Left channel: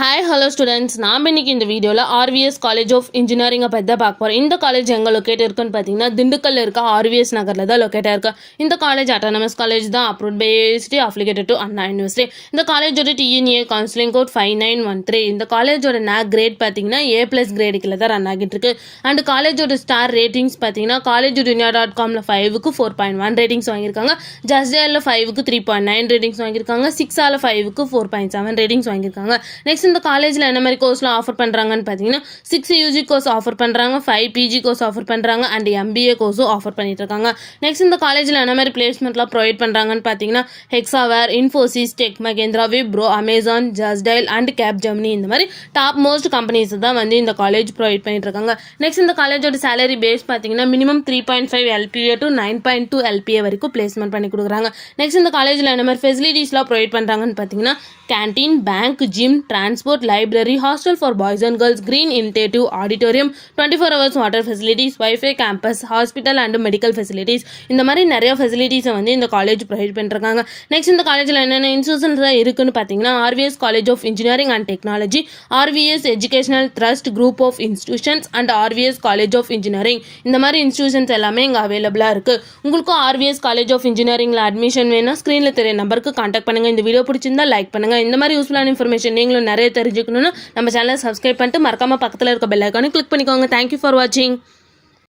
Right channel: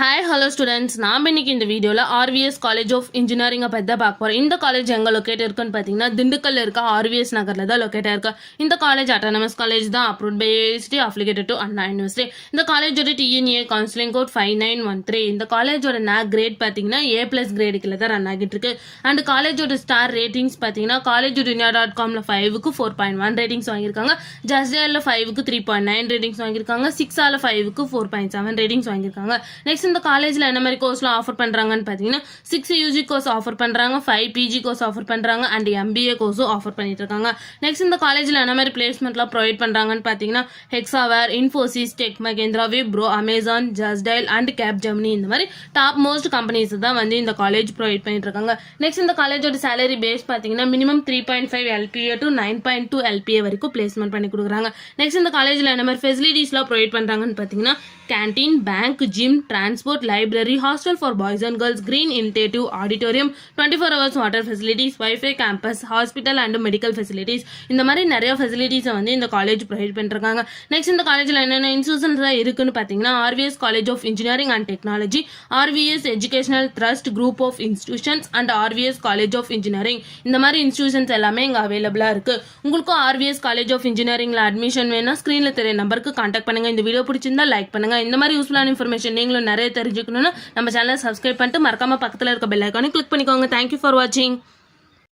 Hi hello students, நாம் இன்னைக்கு இந்த வீடியோவில் ஆர்விஎஸ் காலேஜ் ஆஃப் இன்ஜினியரிங்கை பற்றி தான் பார்க்க போகிறோம். இந்த காலேஜ் எங்கே லொக்கேட் இருக்குன்னு பார்த்தீங்கன்னா திண்டுக்கல்ல இருக்க ஆர்விஎஸ் நகரில் தான் லொக்கேட்டாக இருக்கு. இந்த காலேஜ் அட்டானமஸ் காலேஜ் தான், approved by university, affiliated to Anna university. இந்த காலேஜோட டிஎன்ஏ கவுன்சிலிங் கோட் 5913. இந்த காலேஜோட கிரேட் பார்த்தீங்கன்னா A+ கிரேடு கீழே தான் ரன் ஆகிட்டு இருக்கு. அண்ட் காலேஜோட ஸ்டார் ரேட்டிங்ஸ் பார்த்தீங்கன்னா collegedunia.comல 5க்கு 4.1 ரேட்டிங்ஸ் வாங்கியிருக்காங்க. ஜஸ்டேலில் 5க்கு 3.9 ரேட்டிங்ஸ் வாங்கியிருக்காங்க. 6ஆல 5க்கு 4.7 ரேட்டிங்ஸ் வாங்கியிருக்காங்க. நெக்ஸ்ட் இந்த காலேஜில் என்ன மாதிரி கோர்ஸ்லாம் ஆஃபர் பண்ணுறாங்கன்னு பார்த்தீங்கன்னா 6 யூஜி கோர்ஸ் ஆஃபர் பண்ணுறாங்க, 5 பிஜி கோர்ஸ் ஆஃபர் பண்ணுறாங்க, அண்ட் MBA கோர்ஸும் ஆஃபர் பண்ணிட்டு இருக்காங்க. நெக்ஸ்ட் இந்த காலேஜில் என்ன மாதிரி பிளேஸ்மெண்ட்லாம் ப்ரொவைட் பண்ணுறாங்கன்னு பார்த்தீங்கன்னா ஹெக்ஸாவேர், இன்ஃபோசிஸ், டெக் மகேந்திரா, விப்ரோ, அமேசான், ஜஸ்டைல் அண்ட் கேப்ஜெமினி இந்த மாதிரி டாப் மோஸ்ட் கம்பெனிஸ் தான் வந்து இந்த காலேஜ் ப்ரொவைட் பண்ணிட்டு இருக்காங்க. நெக்ஸ்ட் இந்த காலேஜோட சேலரி பேஸ் பார்த்தீங்கன்னா மினிமம் 3.5 LPA டு 9.2 LPA வரைக்கும் பிளேஸ்மெண்ட் பண்ணி கொடுக்குறாங்க. நெக்ஸ்ட் இந்த காலேஜில் என்ன மாதிரி ஃபெசிலிட்டிஸ்லாம் ப்ரொவைட் பண்ணுறாங்கன்னு பார்த்தீங்கன்னா canteen, bank, gym, transport, library, hostel for boys and girls, green initiative, auditorium, 24 hours water facilities, wifi, campus, hospital and medical facilities இந்த மாதிரி நிறைய ஃபெசிலிட்டிஸை வந்து இந்த காலேஜ் ப்ரொவைட் பண்ணிருக்காங்க. நெக்ஸ்ட் இந்த காலேஜில் என்னென்ன இன்ஸ்டியூஷன்ஸ் இருக்குன்னு பார்த்தீங்கன்னா RVS college of engineering and technology, RVS educational trust group of institutions and RVS college of engineering இந்த மாதிரி இன்ஸ்டியூஷன்ஸ் எல்லாமே இங்கே அவைலபிளாக இருக்கு. உங்களுக்கும் ஆர்விஎஸ் காலேஜ் ஆஃப் இன்ஜினியரிங்ல அட்மிஷன் வேணும், ஸ்க்ரீனில் தெரிய நம்பருக்கு கான்டாக்ட் பண்ணுங்க. இந்த வீடியோ பிடிச்சிருந்தா லைக் பண்ணுங்க. இந்த மாதிரி யூஸ்ஃபுல்லான இன்ஃபர்மேஷன் நீங்களும் நிறைய தெரிஞ்சுக்கணும்னு நம்ம சேனலை சப்ஸ்கிரைப் பண்ணிட்டு மறக்காம பக்கத்தில் இருக்க பெல் ஐக்கானை கிளிக் பண்ணிக்கோங்க. தேங்க்யூ ஃபார் வாட்சிங்.